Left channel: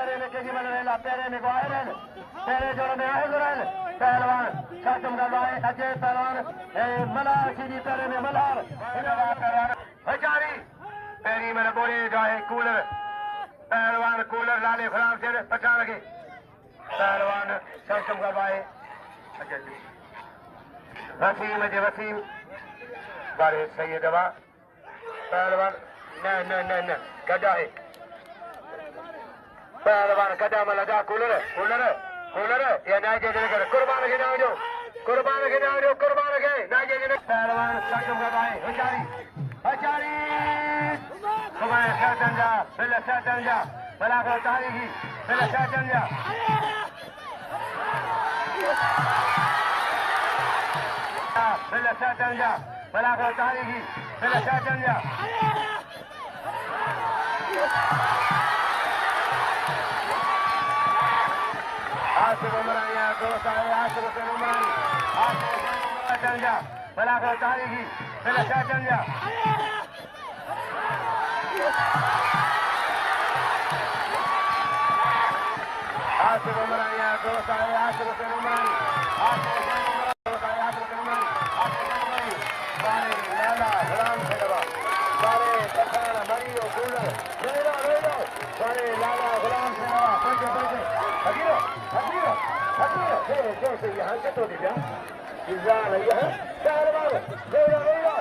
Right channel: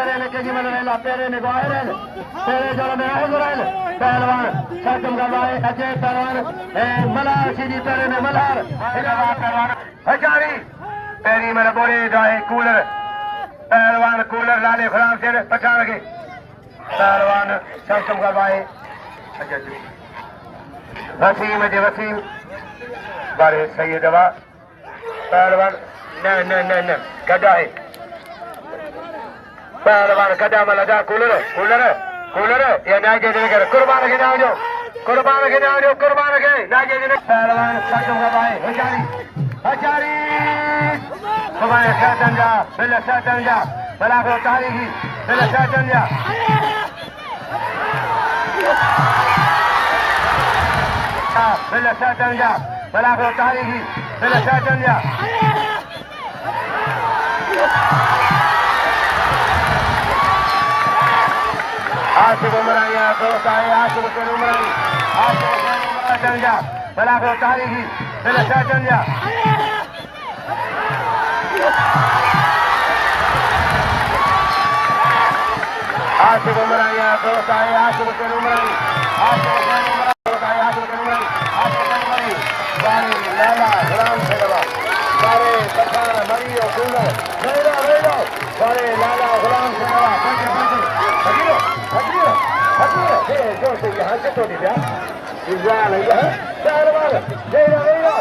तेरे ने के जीवन में ला तेरे ने गायरन तेरे जो में हजरन पहलवान शाकिम गवाए अजय पहलवान मलाह शेदी तेरे ने मलाह पहलवान हजारी तेरी मेरे बोले जाए कूलर पहलवान कूलर लाले खुराम से पछा लगे पहलवान शाकिम गवाए अजय वसीम अजय वसीम बारे सही दवा पहलवान न गदा है पहलवान गदा मलदा कूलर कूलर कूलर ये नाजे देकर कुर्बान के नाम जो कुर्बान के नाम जो कुर्बान के नाजे दे पहलवान शाकिम गवाए हजारी हजारी हमारे शातंजा बिल शातंजा मलाखरो तारीखी बिल शातंजा बिल शातंजा मलाखरो तारीखी बिल शातंजा आसिफ उमरानिया दोस्त आए आसिफ उमरानी आसिफ शातंजा मलाखरो तारीखी बिल शातंजा आसिफ उमरानिया दोस्त आए आसिफ उमरानी आसिफ उमरानी बारे लाला गुलाम सेवा बारे पठान मरियो गुलो मेरा मेरा बारे लाला गुलाम सेवा हगिरो हगिरो हगिरो जो से यहाँ से तो दिया इज़ाल है पहलवान मेरा मेरा